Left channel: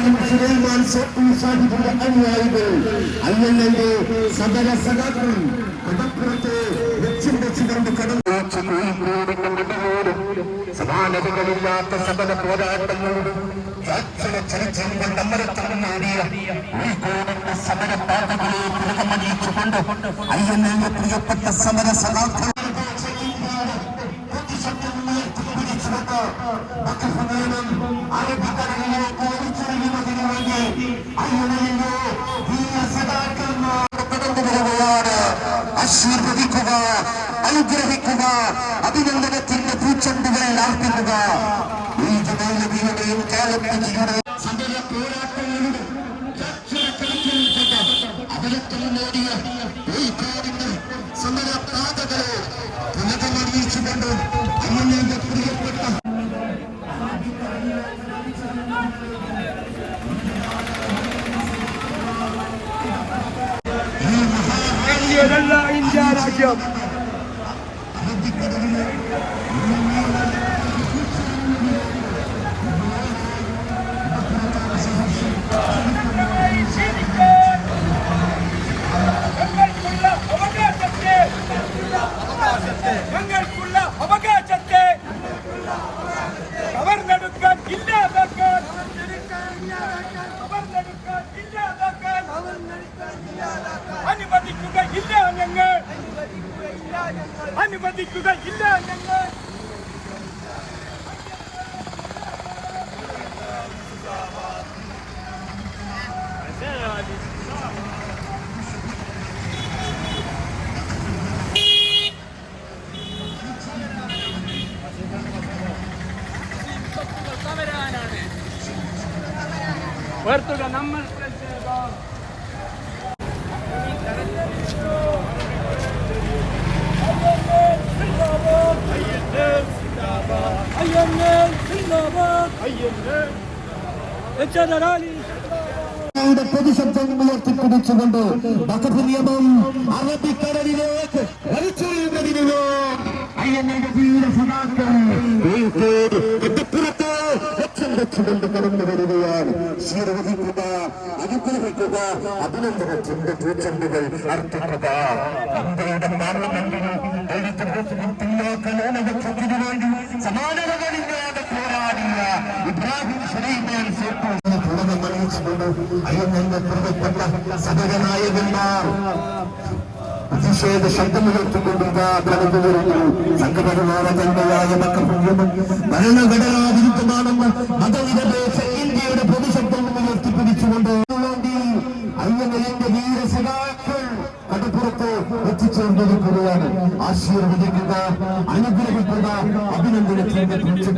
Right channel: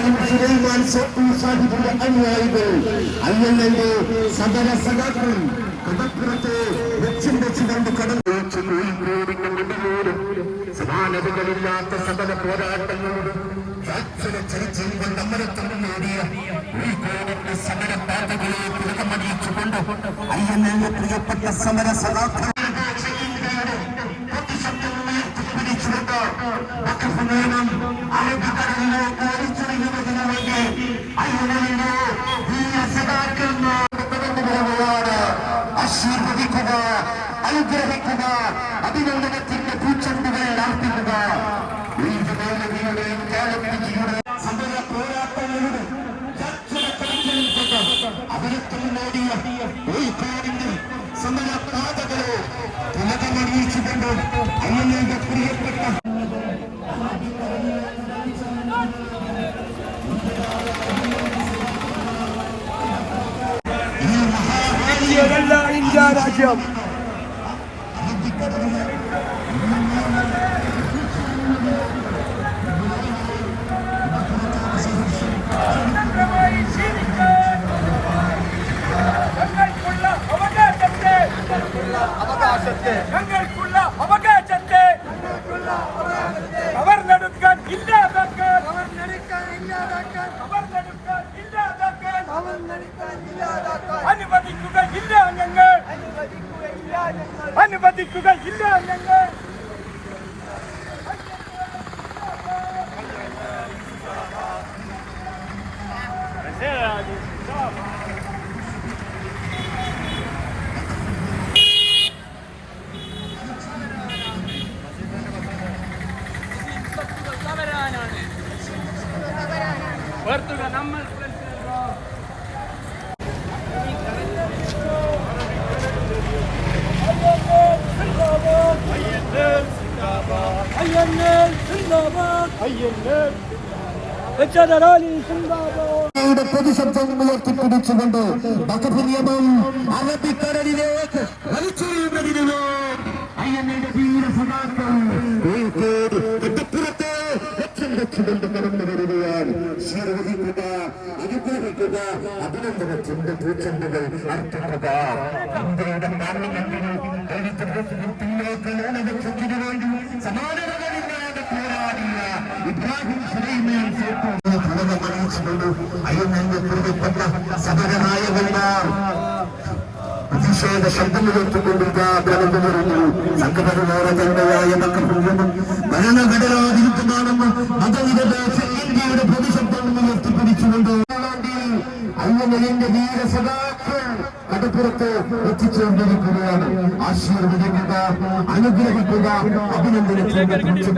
ഇബ്രാഹിം സുലൈമാൻ സാഹിബിന്റെ അനുയായികൾ. അല്ലെങ്കിൽ സകല സഖാക്കളും കടപ്പുറത്ത് വെച്ചും വെച്ച് കണ്ട് കടന്നു സമാനതകളില്ലാത്ത സകല പോരാട്ടങ്ങളോടും ചരിച്ചുകൊണ്ട് കൊണ്ട് നേടിയ കോഴിക്കോടിന്റെ സമര പാതകളെ പുറമണിയിച്ചുകൊണ്ട് അയ്യനെ പ്രിയപ്പെട്ട സമര സഖാക്കൾ അറബിക്കടലിലേക്ക് ആശീർവദിക്കുക അനുഗ്രഹിക്കുക അഭിനന്ദനത്തിന്റെ പൂച്ചെണ്ടുകൾ ആർപ്പിക്കുക ഈ ജനോലതിയുടെയും കാലപ്പുജിയുടെയും ഇന്ത്യ രാജ്യം സ്വതന്ത്രമായി ജീവിക്കാൻ ഞങ്ങൾക്കുള്ള അവകാശത്തെ ഞങ്ങൾക്കുള്ള അവകാശത്തെ കവർന്നെടുക്കാൻ ഇല്ലാതാക്കാൻ കവർന്നെടുക്കാൻ അനുവദിക്കുകയില്ല ഞങ്ങൾ വെറുതെ നമ്മൾ പൊതുശബ്ദം ഉയർത്തിപ്പിടിച്ചുകൊണ്ട് വഖഫ് നിയമം അറബിക്കടലിലേക്ക് വലിച്ചെറിയുന്നതിന് സഖാക്കൾ കോഴിക്കോട് കെട്ടിപ്പുറത്ത് ലക്ഷം ലക്ഷം കടന്നു വരികയാണ്. ശീർവഹിക്കുക അനുഗ്രഹിക്കുക അഭിനന്ദനത്തിന്റെ പൂച്ചെണ്ടുകൾ അർപ്പിക്കുക. ഇന്ത്യയുടെ പാർലമെന്റിൽ എഴുത്തും ഇബ്രാഹിം സുലൈമാൻ സോപ്പു അറിയിച്ചുകൊണ്ട് അയ്യന്റെ പ്രിയപ്പെട്ട സമരനായകന്മാർ പ്രതിഷേധ ശബ്ദമുയർത്തിക്കൊണ്ട് ബ്രഹ്മ പറഞ്ഞു സംഘപരിവാര തന്റെയായ ഭരണഘടനാവിരുദ്ധമാണെന്ന് മതനിരപേക്ഷ ഇന്ത്യയുടെ പൊതുശബ്ദം ഉയർത്തിപ്പിടിച്ചുകൊണ്ട് അയ്യന്റെ വീര സദാക്കൾ കടപ്പുറത്ത് എത്തിച്ചേർന്നിരിക്കുകയാണ് ആശീർവദിക്കുക അനുഗ്രഹിക്കുക അഭിനന്ദനത്തിന്റെ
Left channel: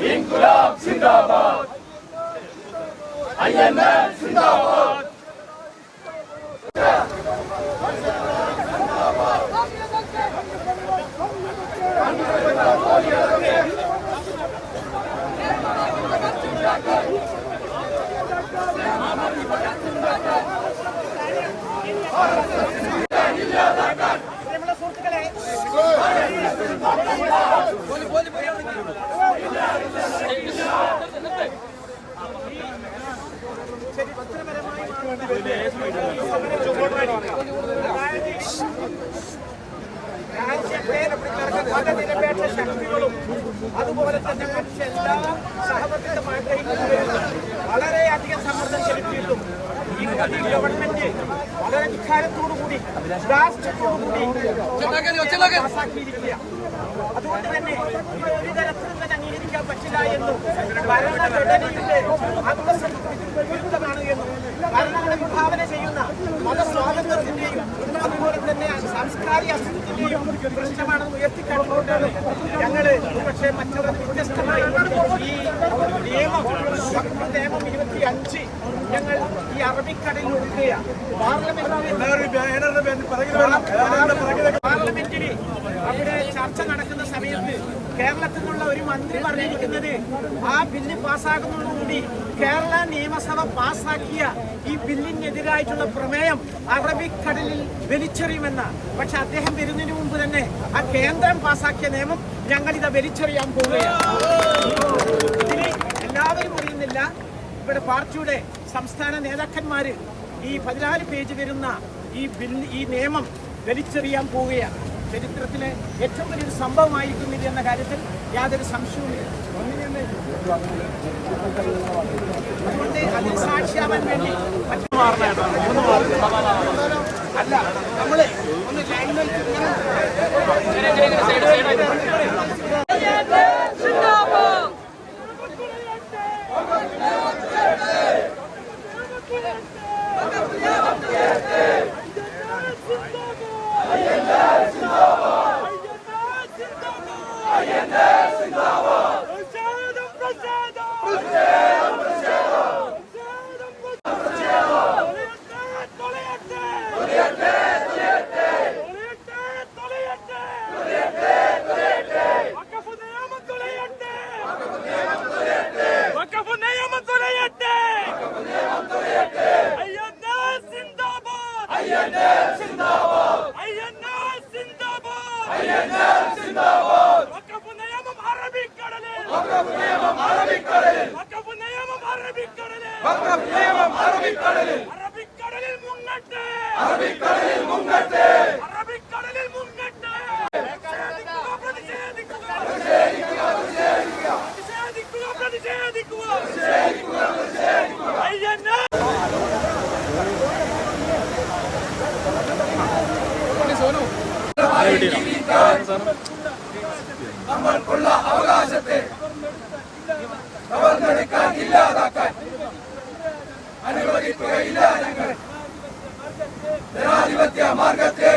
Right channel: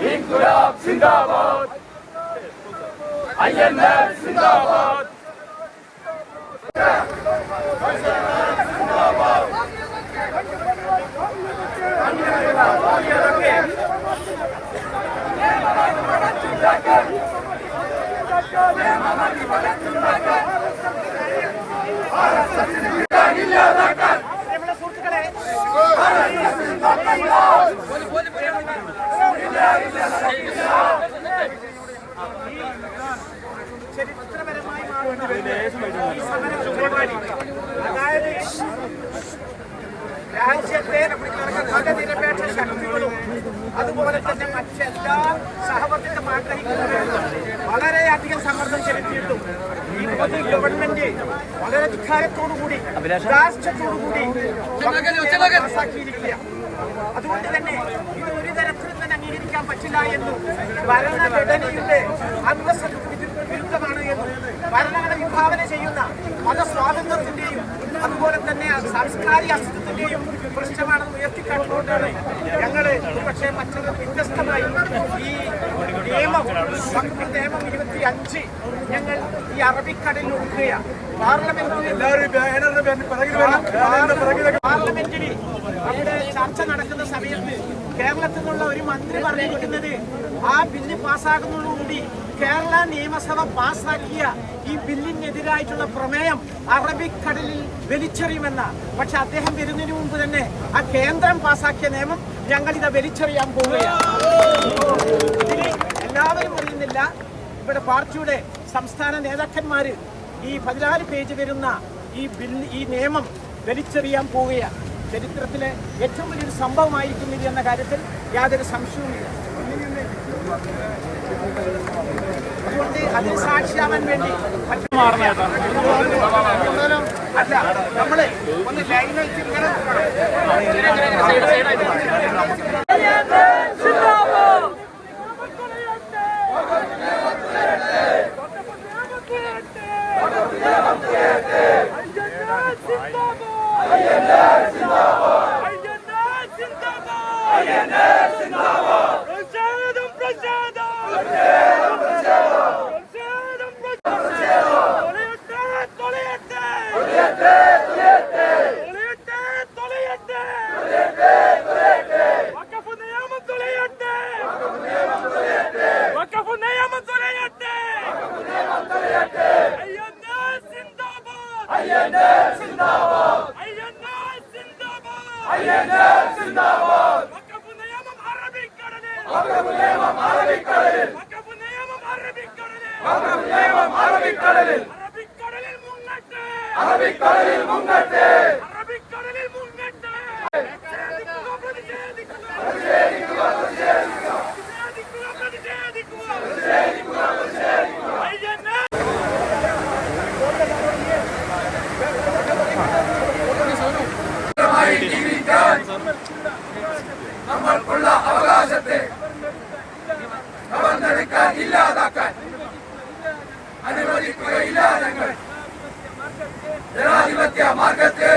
İnkılap Zindabad! Ayenler Zindabad! Ne mama di bagat അതായത് രാജ്യത്തെ മതനിരപേക്ഷ ശക്തികളും അതുപോലെ തന്നെ മറ്റെല്ലാ സഹവർത്തിത്വം ആഗ്രഹിക്കുന്നവരും വളരെയധികം സമ്മർദ്ദം ചെലുത്തിയിട്ടും ഈ മോദി ഗവൺമെന്റ് വളരെ ധിക്കാരത്തോടുകൂടി രാഷ്ട്രത്തോടുകൂടി പാസാക്കിയിരിക്കുക. അതുകൊണ്ട് തന്നെ ഇത് ഒരു തരത്തിലും തന്നെ അംഗീകരിക്കാൻ പറ്റില്ല എന്നും ഭരണഘടനയുടെ അന്തസ്സത്തിന് വിരുദ്ധമാണ് എന്നും ഭരണഘടന വിഭാവന ചെയ്യുന്ന മതസ്വാതന്ത്ര്യത്തിന്റെയും അതുപോലെ തന്നെ സാംസ്കാരിക അസ്തിത്വത്തിന്റെയും പ്രശ്നമാണെന്ന് ഉയർത്തിക്കാട്ടുകൊണ്ടാണ് ഞങ്ങൾ ഒരുപക്ഷെ മറ്റുള്ളത് വ്യത്യസ്തമായി ഈ നിയമം ഭക്തി നിയമം ഇരുപത്തി അഞ്ച് ഞങ്ങൾ ഈ അറബിക്കടലിൽ ഒഴുക്കുക പാർലമെന്റിൽ പാർലമെന്റിൽ അവിടെ ചർച്ച നടക്കുന്ന സമയത്ത് കേരളത്തിൽ നിന്നുള്ള ഒരു മന്ത്രി പറഞ്ഞിരിക്കുന്നത് ആ ബില്ല് പാസ്സാകുന്നതോടുകൂടി കേരള നിയമസഭ പാസ്സാക്കിയ ഈ ബില്ലിനെതിരായിട്ടുള്ള പ്രമേയം അറബിക്കടലിൽ വലിച്ചെറിയുമെന്ന. പക്ഷെ അദ്ദേഹം വരുന്നതിന് മുമ്പ് തന്നെ ആ കേന്ദ്രം പാസാക്കിയ നിയമം ഞങ്ങൾ ഇത് വലിച്ചെറിയാൻ പോവുകയാണ്. ഇതിന് എല്ലാവരും അറിയുന്നില്ല. ഇവിടെ പാർട്ടിയുടെ സംസ്ഥാന നേതാക്കന്മാർ ഈ പതിനാല് പേജ് വരുന്ന ഈ ബില്ല് ഈ നിയമം വലിച്ചെറിയാൻ പോവുകയാണ്. ചരിത്രത്തിലെ ഏറ്റവും വലിയൊരു സംഭവമായിരിക്കും ഇത് എന്ന കാര്യത്തിൽ യാതൊരു സംശയവുമില്ല. അതുകൊണ്ട് അതിന് സാക്ഷിയാവാൻ വേണ്ടി മറ്റു അല്ല നമ്മൾ ഒന്ന് ലൈനിൽ ഇങ്ങനെ വഖഫ് നിയമം തുലയട്ടെ അയ്യന്നാ സിന്ദാബാദ് അയ്യന്നാ സിന്ദാബാദ് അയ്യന്നാ സിന്ദാബാദ് വഖഫ് നിയമം അറബിക്കടലിൽ വഖഫ് നിയമം അറബിക്കടലിൽ വഖഫ് നിയമം അറബിക്കടലിൽ വഖഫ് നിയമം അറബിക്കടലിൽ അറബിക്കടലിൽ മുങ്ങട്ടെ അറബിക്കടലിൽ മുങ്ങട്ടെ ജീവിക്കാൻ നമ്മൾക്കുള്ള അവകാശത്തെ കവർന്നെടുക്കാൻ ഇല്ലാതാക്കാൻ അനുവദിക്കുകയില്ല ഞങ്ങൾ ജനാധിപത്യ മാർഗത്തിൽ